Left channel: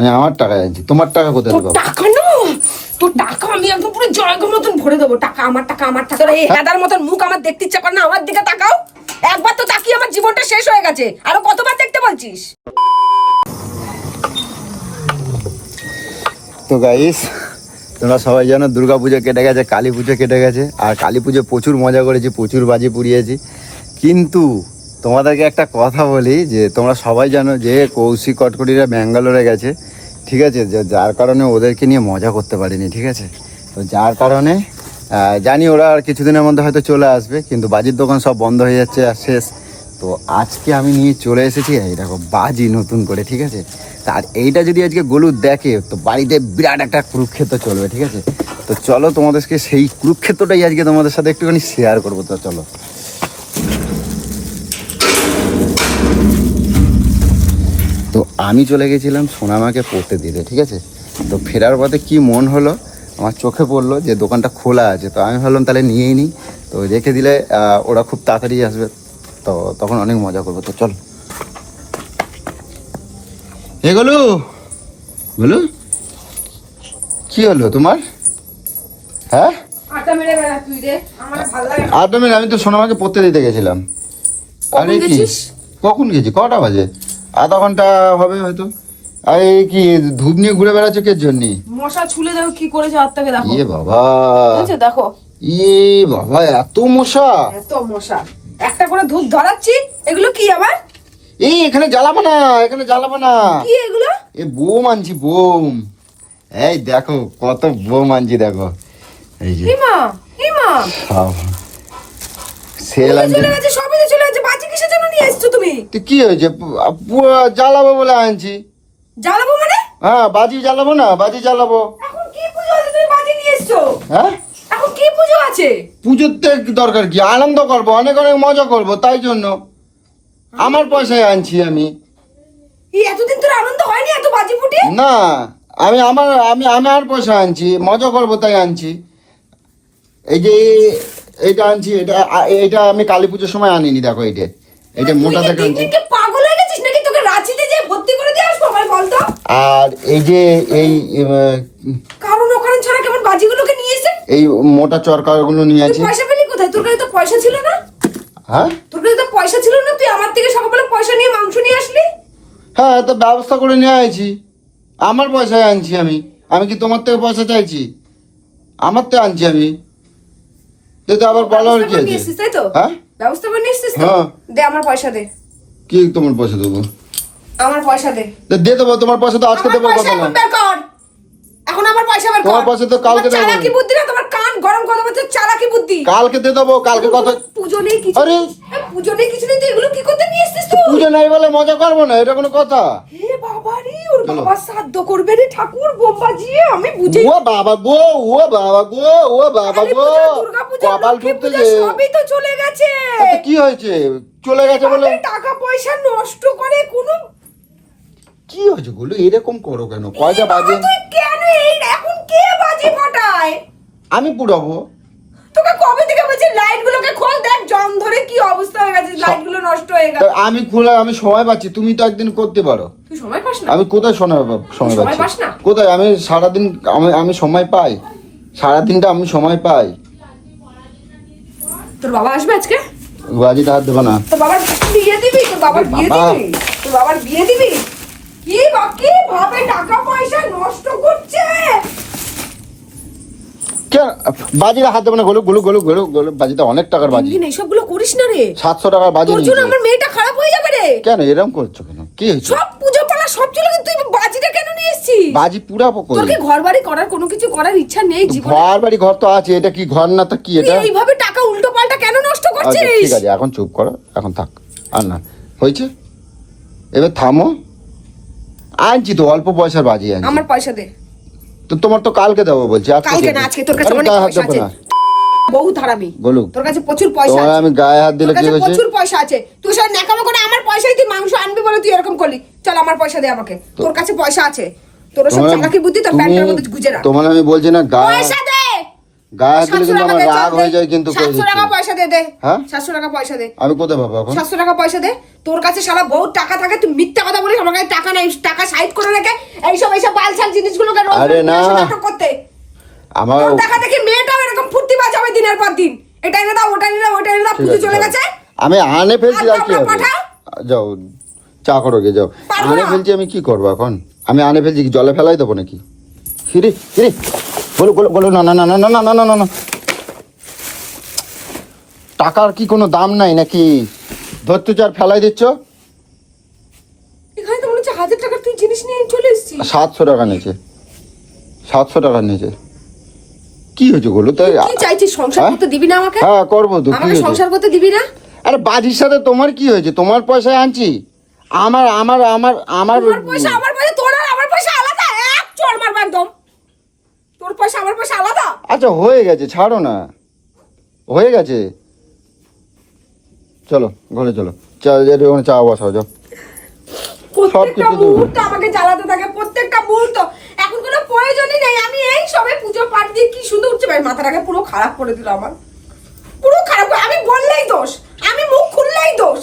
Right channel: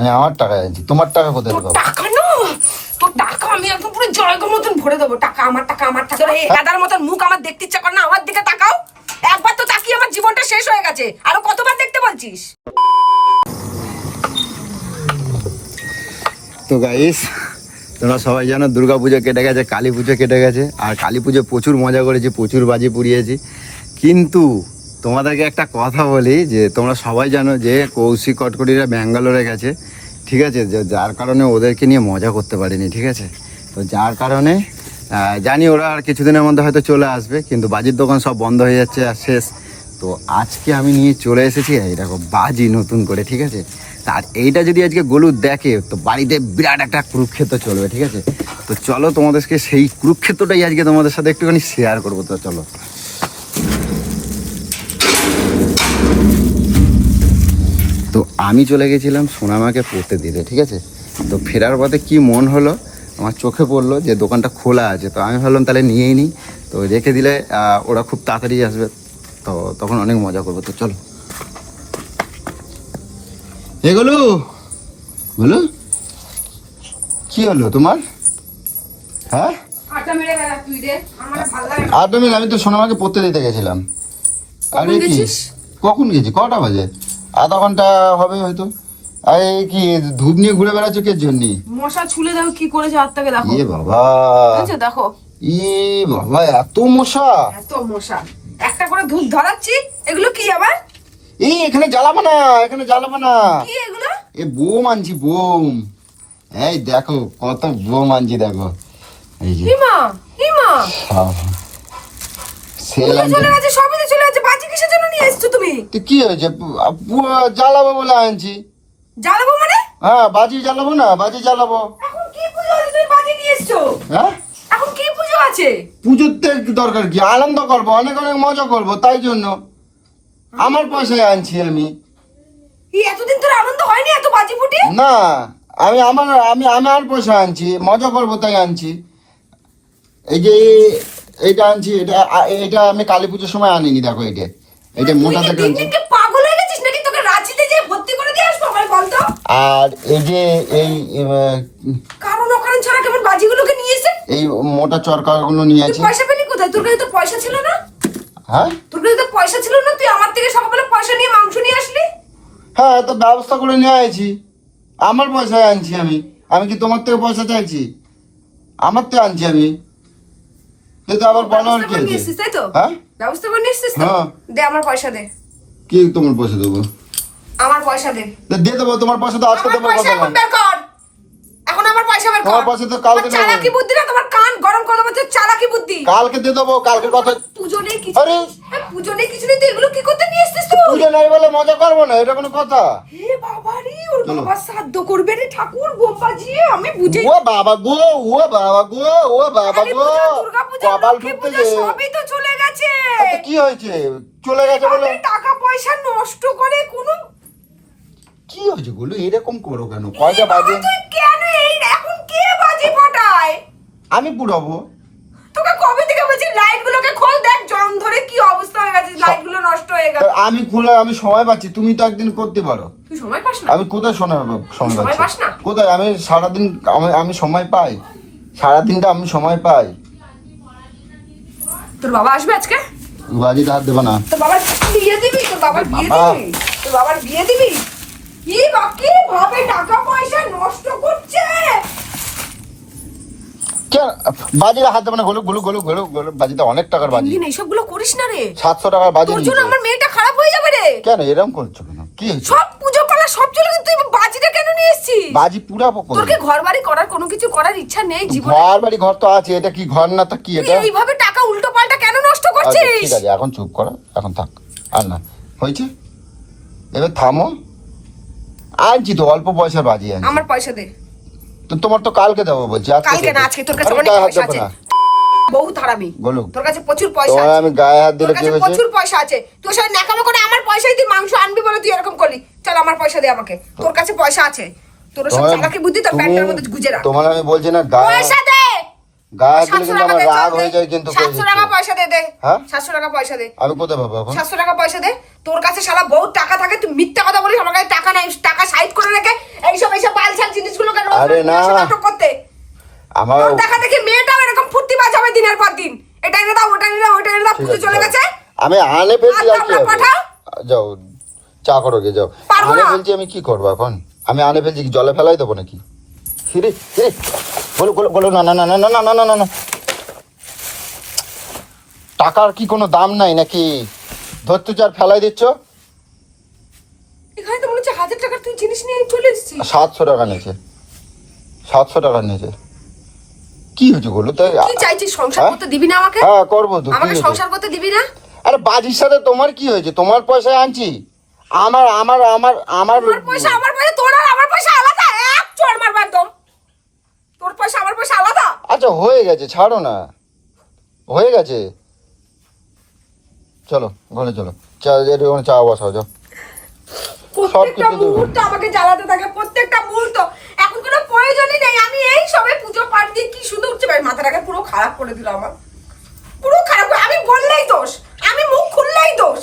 আমি আমার টাকায় আনছি তোমার টাকা কোথায় তোর দেবো টাকা না! তোর টাকা আমি একদম পুরো জয়গের মতন ভরে দেবো। টাকা আমার টাকা আমার টাকা। এই হেদার মতন মুখ আমার দেখতে ইচ্ছা করে না আমার দিকে তাকাও। একবার তো তাকিয়ে আমার জীবনটা শেষ হয়ে গেছে। আরও কতবার দেখতে বলছিস? তো গাইস তোমরা সবাই জানো দুর্গা পুজো কেটে গেছে কালী পুজো কেটে গেছে আর কালী পুজো প্রচুর মজা করেছি প্রচুর বাজি পুড়িয়েছি। কিন্তু তোমাদেরকে একটা কথা বলি, যে তোমরা সবাই জানো যে কৌশিক কটকটিরা ব্যাঙ্গালোরে গেছে, ঠিক আছে? যার কারণে ওদেরকে নিয়ে মজা করতে পারিনি, ঠিক আছে? তো যার কারণে জানি ওরা আর কিছুদিনের মধ্যে হয়তো চলে আসবে, কিন্তু বাজির দোকান সব বন্ধ হয়ে যাচ্ছে আর শেষ। তো আজকে আমি নিয়ে চলে এসেছি, এই দেখো, বাজি নতুন করে, ঠিক আছে? তার এইটা যদি আজকে গলু দেখে, তো বাড়িতে বিরাট একটা কুরুক্ষেত্র চলবে, ঠিক আছে? তো চলো তোমাদেরকে সেই কুরুক্ষেত্রটাই আজকে তোমাদের সাথে একটুখানি শেয়ার করব, তো চলো। আমি চলে গেছিলাম সোনামাকে পড়তে দিতে ঠিক আছে? তো ফেরার পথে কি মন হলো? আমার চোখে পড়ল যে দোকানটা খোলা আছে তো আমি ভাবলাম তাহলে নিয়েই নিই। তো রেখে দিলে ওরা খুব তাড়াতাড়ি আসবে। তো তখন অনেক মজা করব তো চলো। এ গলু বলো কি হলো তোমার? হ্যাঁ? মেরে আমি তো সোনামাকে পড়তে দিতে গেছিলাম। কখন? গেছিস? কখন গেছি? কটা বাজে? আধা ঘণ্টা হবে হয়তো। আরে কি ধূপ নিয়ে ঘুরে বেড়াচ্ছ কে জন্য? মশা ছুলে দেখো কি করেছে হাতটাকে দেখো। ইয়ে বাবা। বুঝছ দেখো। ই বাবা এত মশা। এত মশা। একটা করে ধূপ ধরাচ্ছি এগুলো কি আবার? এই এখানে জ্বালাবো না এখানে জ্বালাবো না। কি এগুলো? এ বোম আনছি বোম। এই দেখো কত বোম আনছি দেখো। এই যে। হিমা হিমা। সব। সেল চলে গেছে সবই চলে গেছে। কিসের জন্য নিয়ে এসছো তুমি? তো কি হয়েছে? পুরো জ্বালাবো বলে আনছি। জ্বালাবো মানে? হ্যাঁ বাজি জ্বালাবো না বাজি জ্বালাবো। এখন কি পুজো আছে তুমি বাজি নিয়ে এসছো? হ্যাঁ? এখন কি পুজো আছে? পুজোতে দরকার কি? আনন্দ করব অনেক অনেক মজা করব তাই জন্য। আমার পয়সায় আনছি আমি। এই এতদিন তোর আনন্দ হয়নি এত বাজি ফুটে? না আমি আমার আমি আমি আমার পয়সা আনছি মজা করব তাই আনছি। এই যে এইটা আনছি এটা এটা আমি কালী পুজোর সময় আনিনি দেখো এইটা। এটা মোটা দেখে আনছি। পাগল হয়ে গেছিস নাকি? তোকে রাঁচিতে যে ভর্তি করে দিয়ে আসব আমার বলতো? আর এই যে এই কারণ ওখানে ছাড়া কেমন বাজিগুলোকে নিয়ে এসে? এই মোটা চরকাগুলো নিয়ে আছি। পয়সা পেলি কোথায়? তোর কাছে তো পয়সা ছিল না? হ্যাঁ? তোর কাছে তো পয়সা ছিল না? তুই আমার থেকে সকালবেলা পয়সা নিয়ে মাংস নিয়ে আসলি? হ্যাঁ তো ব্যবস্থা করে নিয়ে আইছি। আমার পয়সায় আনছি আমি। আমি কি তোমার থেকে পয়সা চাইছি? আমার তো আনছি আমি। তো তো আবার বলো কি আছে তাই তো? হ্যাঁ? ব্যবস্থা করে নিয়ে তো? হ্যাঁ। দে আমার পয়সা দে। কি তোমার পয়সা দেবো? আমার পয়সা দে। তো দেবো তোমার পয়সা তো আজকে আমার পয়সা এখন বের কর। এখন আমার পয়সা বের কর। পয়সা তো কালকে চালাকি বুদ্ধি না? তোমার কান গরম করে চালাকি বুদ্ধি। কালকে দে দেবো কালকে পুজো নেই কিছু আরে! এ, পুজো নেই কিছু নেই তুই এগুলো কি করতে নিয়ে এসছিস তুই পুজো নাই বলে মজা করব না এটা কোনো কথা? হে বাবা রে ওর বাবা শ্রাদ্ধ করবে রে ঠাকুর বোম বাজিয়ে আমি বুঝেই ও বাবা গো ও বাবা গো ও বাবা গো। পুজো দুর্গা পুজো লক্ষ্মী পুজো। সবই তো চলে গেছে। কি হয়েছে? চলে গেছে বলে। টাকা পয়সা নষ্ট করে কোনো কি হয়েছে বলো? এরকম করো কেন? পয়সা তুই কেন এই এখন কে বাজি ফাটায়? আমি পুরাবো তোকে কবে থেকে বলছি লাইট গুলোকে খোল দেখ জং ধরে কি অবস্থা হয়ে গেছে? লাইটগুলো নষ্ট হয়ে গেল আমি খোলা আমি সময় পাচ্ছি। তুমি তো একদিন করতে পারো। তুই সময় পাস না? আমি কোথায় সময় পাব সময় পাস না? কোথায়? আমি সারাদিন আমি আমি সময় পাই। সারাদিনটা আমি সময় পাই। তোর বাবা আসবে আজকে? বাজিটা হাত দেবো না। তোর বাবার বিয়ে দিবি? তোর বাবার বিয়ে দিবি? তোর বাবার বিয়ে দিবি? কি বাকি ভাবে টাকা পয়সা নষ্ট করছে? কে বাজিটা হাত দেবো না গোলু গোলু গোলু গোলু গোলু বাজিটা অনেক টাকার বাজি। দিন এইসবগুলো করিস না রে। সাতশো টাকার বাজি তোর জন্য আমার মেয়েটা খারাপ হয়ে যাবে রে। কেন এরকম করছ কেন? কি সব পুজো পালা সব চলে তুই বাজিটা কেন নিয়ে এসেছিস? বাজি পুরাবো তোর কি ঘর বাড়ি করার কোনো কিছু করার ইচ্ছা নেই জীবনে। ঘর বাড়ি ঘর তো আছে এটা কি ঘর না তো কি তুই এইভাবে টাকা উল্টো পাল্টা কেন নষ্ট আচ্ছা, করছিস? ঠিক আছে এখন চুপ করো এখন থাক। আর না হয়েছে? এবার থামো। আনছি তো অল্প পয়সার বাজি আনছি। আমার পয়সা দে। তো তোমার তো কালকে দেবো বলছি কালকে না আজকে তোর কাছে অনেক পয়সা আছে। বহুত হারামি তোর কাছে প্রচুর পয়সা আছে। আমি গায়ে হাত তোর কাছে? প্রচুর পয়সা আছে। তুই সব ন্যাকামো করে আমার পয়সায় তুই মাংস আনবি বলে তুই এরকম করলি। চল আমার পয়সা দে আমাকে। তোর কাছে পয়সা আছে। তোর সব চালাকি বুদ্ধি তোর প্যান্টের মধ্যে গুজে রাখ। তোমার আমি বলছি না পয়সা দে! সাতশো টাকা দে চল দে। যায় কিন্তু সাতশো টাকা পয়সা দে দে। হ্যাঁ? সাতশো টাকা পয়সা দে। আমি কোথায় পাবো এখন? সাতশো টাকা পয়সা দে। তোর কাছে টাকা থাকে তুই মিথ্যা কথা বলিস আমার কাছে টাকা নাই টাকা সাইড করে রেখে এইসব এইসব বালছাল জিনিসগুলোকে রোজ রোজ নিয়ে এসে নাটক করতে। তোর দেখা দেখি মেয়েটাও এরকম ফুর্তি বাঁচাবে দিনের পর দিন। এটা এনে দাও ওটা এনে দাও ওটা এনে দাও পুজো চলে গেছে। আমি আনে ফেলছি? পাঠাও? যাও চা করো গে যাও। পারব না। আমি কি করব এখন? আমি আনে ফেলছি জলে ফেলাই দেবো নাকি? ফিরি ফিরি বলো বলো বলো না না না না না না না না না। টাকার কি কোনো দাম নাই নাকি? ধরতে চার ফেলাই দিচ্ছ? এখানে তো মনে হচ্ছে হাজার টাকার তুই জিনিস নিয়ে চলে এসেছিস। সাতশো টাকা নিচে। সাতশো টাকা নিচে। কি হয়েছে গুলো তো? কি চাইছিস? সংসার হ্যাঁ? করতে দিবি না আমাকে? হ্যাঁ করব তো আমাকে সংসার করতে দিবি না? আরে বাজির সাথে তোমার কি হয়েছে? তোমার পয়সায় আনছি। আমার আমার আমার আমার তোমার পয়সা আমার পয়সা তোর আর আমার পয়সা আলাদা? এক চড় মারবো একদম। তোর পয়সা আমার পয়সা আলাদা? আচ্ছা হয়ে গেছে ছাড়ো না। হয়ে গেছে। চলো ঘরে চলো। চা ওখানে চা বসা যাও। কিছু মুহূর্ত আমাকে জ্বালাতে থাকে প্রত্যেকটা মুহূর্ত। এখন কোনো প্রয়োজনই নেই আমি এই সবে পুজো পাঠ দিয়ে কি সুন্দর উঠছে ভাই মাথাটাকে পুরো খারাপ করে দিল আমার। পুরো খারাপ আমি বললেই দোষ আমি মুখ খুললেই দোষ।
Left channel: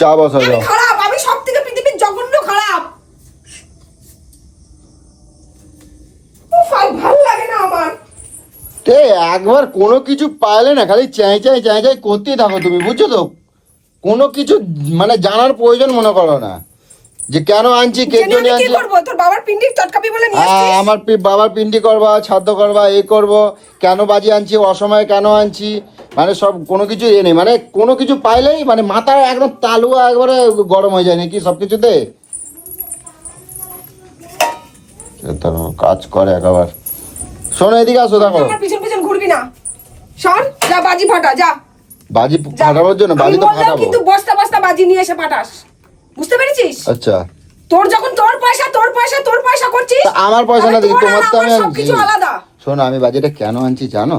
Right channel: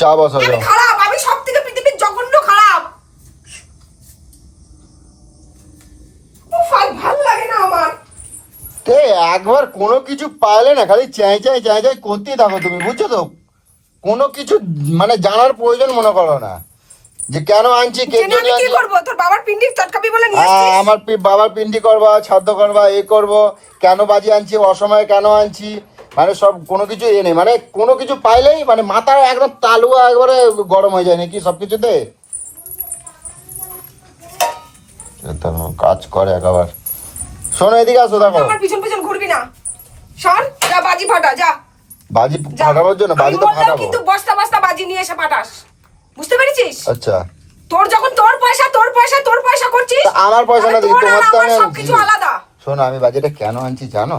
চা বসা আমি খারাপ আমি সব থেকে পৃথিবীর জঘন্য খারাপ উফ, আর ভালো লাগে না আমার তে একবার কোনো কিছু পাইলে না খালি চাই চাই চাই চাই করতেই থাকো তুমি বুঝছ তো? কোনো কিছু মানে জানার প্রয়োজন মনে করো না। যে কেন আনছি জেনে আমি কি? করব? তোর বাবার পিন্ডির চটকাবি বলে নিয়ে আমার বাবার পিন্ডি করবা ছাদ্য করবা এ করব কেন বাজি আনছি অসময়ে কেন আনছি মানে সব কোনো কিছু এ নেই। মানে কোনো কিছু পাইলেই মানে মাথার একদম তালুয়া একবারে গরম হয়ে যায় নাকি সব কিছুতে? কাজ করে একবার। শোনো এদিকে আসো দেখো। আমার পিছন পিছন ঘুরবি না। সর যা বাজি ফাটা যা। বাজি যা। ফাটানোর জন্য আমি বললেও কিন্তু বস্তা বস্তা বাজি নিয়ে এসে পাঠাস বুঝতে পেরেছিস? আচ্ছা। তোর যখন তোর পয়সা তোর পয়সা তোর পয়সা করছিস আমার পয়সা না তোর আর আমার আমি সবকিছু। আলাদা। শোনো আমি বাজিটা কেন আনছি জানো?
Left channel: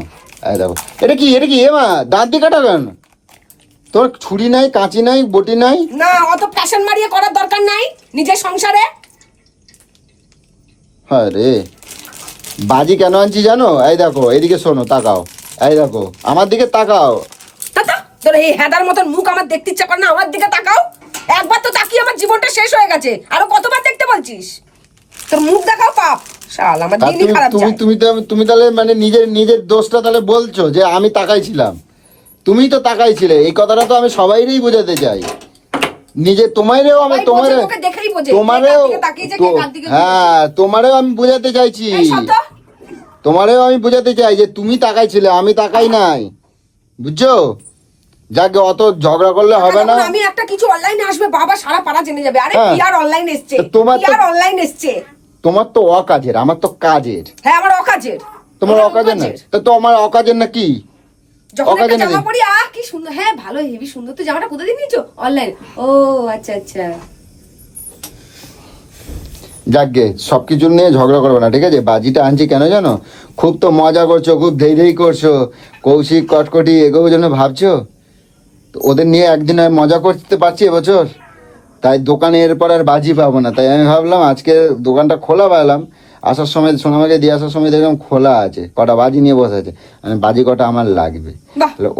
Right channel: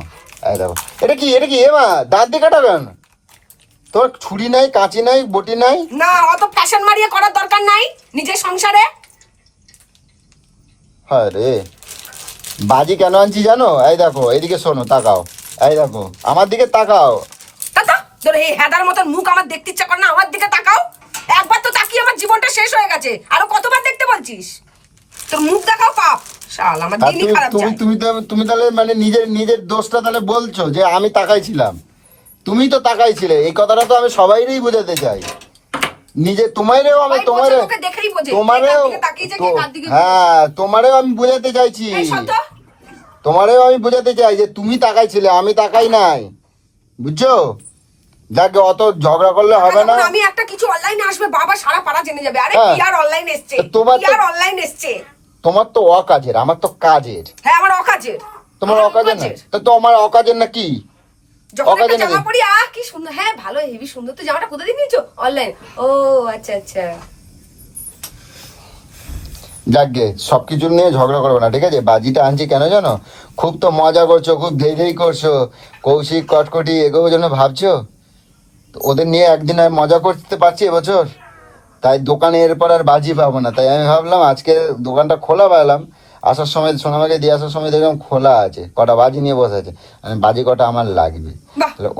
দেখো। এটা কি এটা কি? এমা দাঁত দিয়ে কাটাবেন তোর ছুরি নাই কাঁচি নাই বটি নাই? না অত ফ্যাশন মারিয়ে করার দরকার নাই নিজের সংসারে। হ্যাঁ রে। বাজি কেন আনছি জানো? এই দেখো এদিকে শোনো তাকাও। এই দেখো আমার দিকে তাকাও। তাতা তোর এই হেদার মতন মুখ আমার দেখতে ইচ্ছা করে না আমার দিকে তাকাও। একবার তো তাকিয়ে আমার জীবনটা শেষ হয়ে গেছে। আরও কতবার দেখতে বলছিস? তোর মুখ দেখাও পাপ। শাল আমার দিনই তুমি- খারাপ যায়। তুমি তো- তুমি তাহলে মানে নিজের নিজের দোষটা তাহলে বলছো যে আমি তাকাইছিলাম। তুমিই তো তাকাইছিলে। এই কথাটা তো আমি সবাইকেই বোঝাতে চাই। নিজে তোমারেও আমি তোমারে তোকে দেখেই বোঝে। তোমারেও দিকে তাকিয়েছে কে কার দিকে হ্যাঁ তোমারেও আমি বোঝাতে চাইছি। তোমারেও আমি বোঝাতে চাই যে তুমি তাকাইছিলে আমি তাকাই নাই। বুঝছ? যাকে অত ঝগড়া করলে হবে যখন না। আমি একটা কিছু অনলাইনে আসবে বাবা সারা পাড়া জেনে যাবে। আরে। কি আর অনলাইন এসছে কি আর অনলাইন এসছে। তোমার তো অকাজের আমার তো কাজের। হ্যাঁ আমার অকাজের। তোমার অকাজের। তো তোমার অকাজের না কি? যখন একটা জামা? পরি আহ কি সুন্দর। হ্যাঁ ভালো হেভি সুন্দর। তো জামাটা কোথা দিয়ে নিয়েছো? অনলাইন ও আচ্ছা আচ্ছা। যাকগে সবকিছু নিয়ে ঝগড়া করো না ঠিক আছে? বাজিটা আনছি কেন জানো? খুব তো মজা করছ খুব ধেই ধেই করছ। কৌশিক কটকটি এগুলো জন্য ভাবছ? তো ওদের নিয়ে একদিন আর মজা করতে পারছি এবছর? তাই দোকানে এরপর আর বাজি পাবো না। তাই আমি ভাবলাম আজকে দোকানটা খোলা পেলাম আসার সময় সোনামাকে দিয়ে আসার সময় দেখলাম খোলা আছে কটা বাজি নিয়ে বসে আছে। মানে বাজি কটা আমার লাগবে।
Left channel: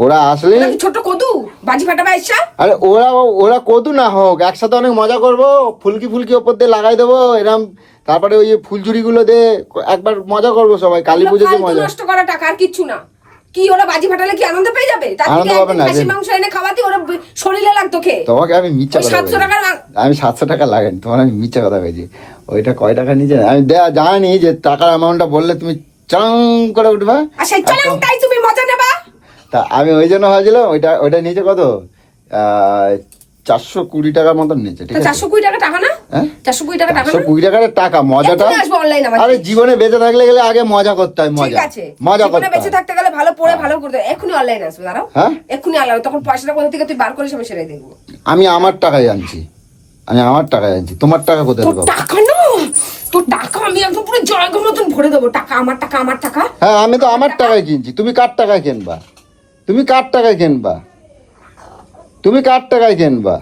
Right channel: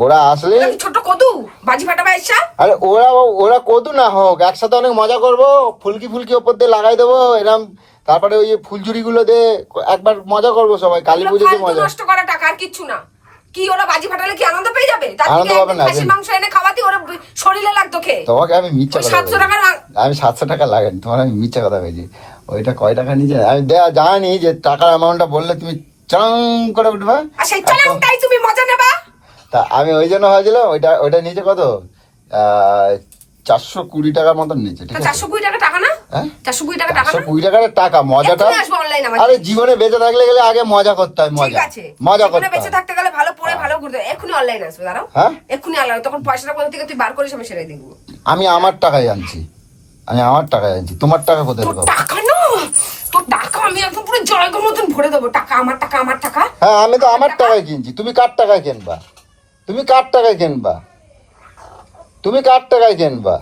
ওরা আসলে ছোট কদু? বাজি ফাটাবে আইসা আরে ওরা ওরা কত না হোক একসাথে অনেক মজা করব ফুলকি ফুলকি ওপর দিয়ে লাগাই দেবো এরম। তারপরে ওই ফুলঝুরি গুলো দিয়ে একবার মজা করব সবাই কালী পুজোতে ফালতু নষ্ট করা টাকা আর কিচ্ছু না। কি ওরা বাজি ফাটালে কি আনন্দ পেয়ে যাবে? তার থেকে একদিন খাসি মাংস এনে খাওয়াতে ওরা শরীরে লাগতো খেয়ে। তোমাকে আমি মিথ্যা ওই কথা সাতশো বলছি। টাকার আমি সাতশো টাকা লাগেন তোমার আমি মিথ্যা কথা বলছি। ওইটা কয় টাকা নিচে আমি জানি যে টাকার অ্যামাউন্টটা বললে তুমি চাং করে উঠবা। আর সেই চলাংটাই তুমি মজা নেবা। তা আমি ওই জন্য ভাবছিলাম ওইটা ওইটা নিচে কত? চারশো কুড়ি টাকার মতন নিচে ঠিক আছে? চারশো কুড়ি টাকা টাকা না? হ্যাঁ? চারশো কুড়ি টাকা টাকা না? কুড়ি টাকার টাকা মজাটা এক্ষুনি আসব অনলাইন আমার আরে জীবনে বেঁচে থাকলে গেলে আগে মজা করতে হয় ঠিক মজা আছে। মজা জীবনে বেঁচে থাকতে গেলে ভালো পড়ে ভালো করতে। এক্ষুনি অনলাইন আসবে দাঁড়াও। হ্যাঁ? এক্ষুনি অনলাইন তখন পয়সাটা কোথা থেকে তুই বার করিস আমি সেটাই দেখব। আমি আমার টাকায় আনছি। আমি আমার টাকায় আনছি। তোমার টাকা কোথায় তোর টাকা না? তোর টাকা আমি একদম পুরো জয়গর মতন ভরে দেবো। টাকা আমার টাকা আমার টাকা। হ্যাঁ আমি তো আমার টাকায় কিনছি। তুমি কার টাকায় কিনবা? তুমি কার টাকায় কিনবা? তুমি কার টাকায় কিনবা?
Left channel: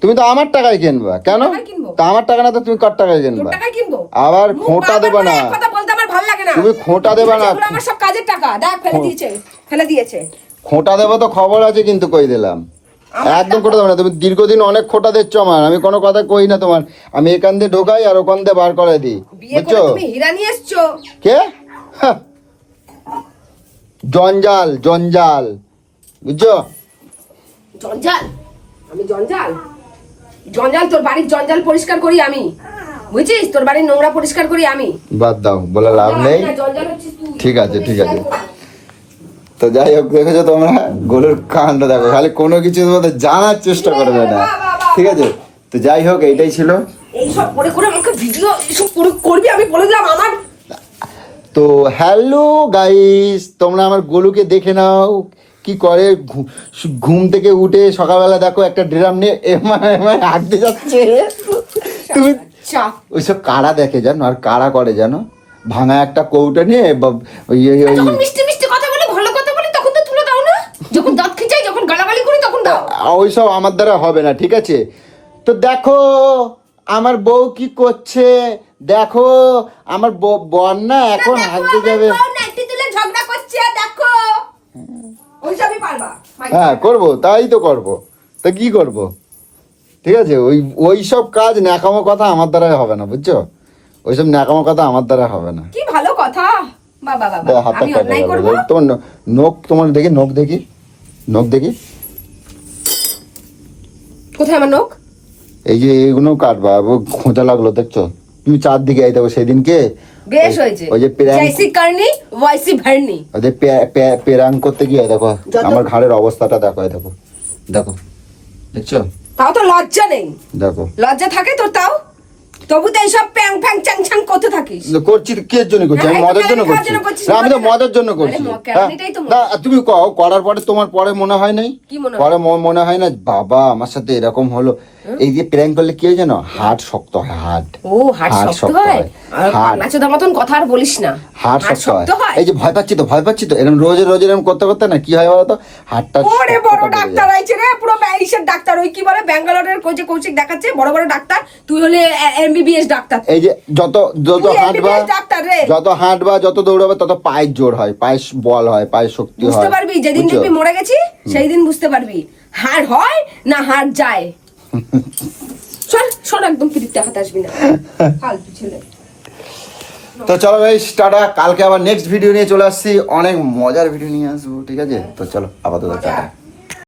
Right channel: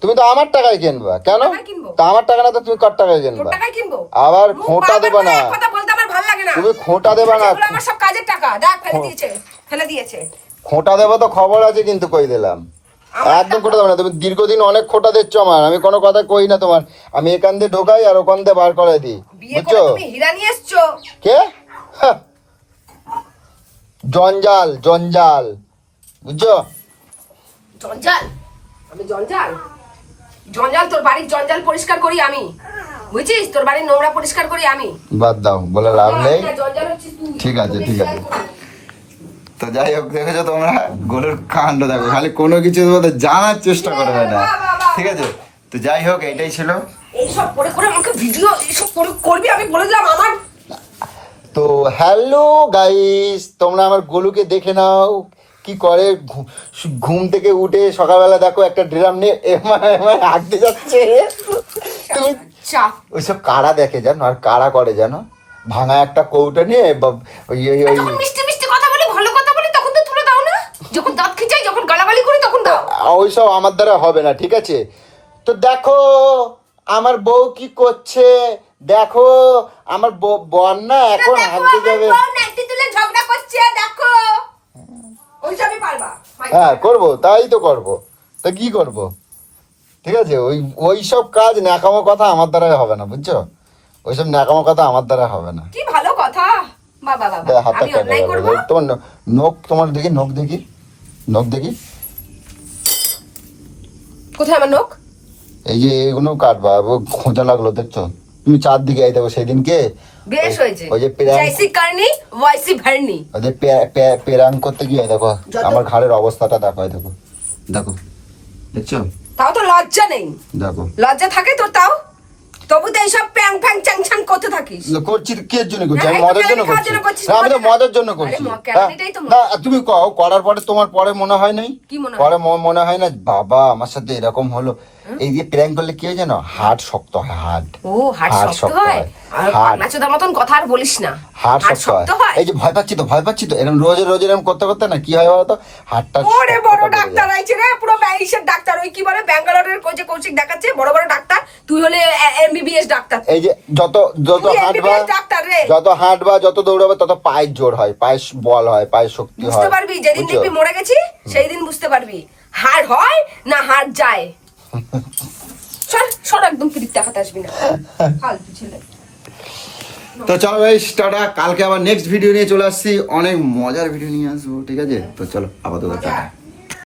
তুমি তো আমার টাকায় কিনবা। কেন। তা আমার টাকা না তো তুমি কার টাকায় কিনবা? টাকায় কিনবো? আবার খোঁটা দেবো না। এক কথা বলতে আমার ভালো লাগে না। তুমি খোঁটা দেবে না। এগুলো আমার সব কাজের টাকা। দেখ ফেলে দিয়েছে ফেলে দিয়েছে। খোঁটা দেবো তো খবর আছে কিন্তু কই দিলাম? একদম খোঁটা দেবো না তুমি দীর্ঘদিন অনেক খোঁটা দিচ্ছ আমার আমি কোনো কথা কই না তোমার। আমি এখান দিয়ে ঢোকাই আর ওখান দিয়ে বার করে দিই। বিয়ে করে তুমি হীরা নিয়ে এসছো? কে। জঞ্জাল জঞ্জাল। বুঝছ? জঞ্জাল? আমি জঞ্জাল? জঞ্জাল তোর বাড়ির জঞ্জাল পরিষ্কার করি আমি। বুঝছিস? তোর বাড়ির নোংরা পরিষ্কার করি আমি। বাদ দাও বলে লাভ নেই। ঠিক আছে, ঠিক আছে। তো যাই হোক দেখেছ তোমরা? গোলুর কাণ্ড দেখো। খালি কোনো কিছু তোমাদের জানার চেষ্টা করবে না। ঠিক আছে? তো যাই হোক এইটাই ছিল। এইসব করে করে আমাকে ভিডিও এইসব করে করবি আমি বলে দিলাম আমার। তো হ্যালো গাইস তোমরা আমার গোলুকে দেখে নাও। কি করে ঘুম থেকে উঠে সকালবেলা দেখো একটা ড্রাম নিয়ে এমায় এমায় হাঁটতে যাচ্ছে। তুমি চাপ ওইসব কারা দেখে জানো? আর কারা করে জানো? ভাঙা একটা কৌটা নিয়ে ওই- ওই- ওই- যখন মিষ্টি মিষ্টি কথা বলি ভালো কথা বলি তখন তো তুলে দাও না যখন দাঁত খিচাই যখন গালাগালি করি তখন দাও ওইসব আমার দ্বারা হবে না ঠিক আছে? তো দেখো আমার বউ কি করছে? দেখো আমার বর না এখন দেখো হাঁটতে আমার যাবে। ঝগড়া করছে দেখো। ওইসবই পারবা হ্যাঁ করব তাই তো করব। তো কি করব? ঠিক আছে ওই ওই সব কাজ ন্যাকামো কথা আমার দ্বারা হবে না বুঝছ? ওইসব ন্যাকামো কথা আমার দ্বারা হবে না। কি ভালো কথা। বাবা বাবা আমি অন্যায় করব? তোমার নখ তোমার দেখি নখ দেখি নখ দেখি। কোথায় আমার নখ? এই যে এইগুলো কাটবা খোঁজা লাগল দেখছ? তুমি চারদিকে আইতে সেদিনকে। বেশ হয়েছে। ওই যে প্রেম- কারনি ওয়াইসি ভরনি। পে- পে- পেরাং করতে গিয়ে দেখো আমার ঘাড়ের অবস্থাটা দেখো দেখো। দেখো দেখছ? তাও তো লজ্জা নেই। দেখো। লজ্জা থাকে তোর তাও? তবু তো এইসব প্যাং ফ্যাং চ্যাং করতে থাকিস। করছি কে জন্য করছি? হ্যাঁ, মজার জন্য করছি। আমি। মজার জন্য। করছি। হ্যাঁ? তুমি কও করার পরে তোমার পরে মনে হয় নাই? কি মনে? পরে মনে হয় না বাবা আমার সাথে এরকম হলো। এই যে করলে কি হয় জানো? হার্ট শক্ত হয় হার্ট ও শক্ত হয়। আর মতন কথা আর বলিস না। হাট শক্ত হয়। এই যে ভয় পাচ্ছি তো ভয় পাচ্ছি তো। এরকম রোজ রোজ এরকম করতে করতে না কি হয় বলতো হাতটা ওরে বড় ডাক্তার আইছে রে পুরো ব্যাইসের ডাক্তার। ওই কি বলে? ব্যাঙ্গালোরের কোচে কৌশিক দেখাচ্ছে বড় বড় ডাক্তার। তুই হলে এমবিবিএস ডাক্তার। এই যে যত যত তুই হাঁটবা ডাক্তার রে। যত হাঁটবা যত দৌড়াবে তত পায়ের জোর হয় পায়ের বল হয় পায়ের শক্তি বুঝতে পারবি? যেদিন দেখবি মরে গেছি সেই দিন বুঝতে পারবি। হাড় হয় না হাড় যায়। সর সর একদম দেখাতে আসবি না। ফালতু ছেলে। তো চলো ভাই টাটা। কালকে আবার নেক্সট ভিডিও নিয়ে চলে আসছি। অনেক মজার ভিডিও নিয়ে আসব ঠিক আছে? তো চলো আপাতত টাটা।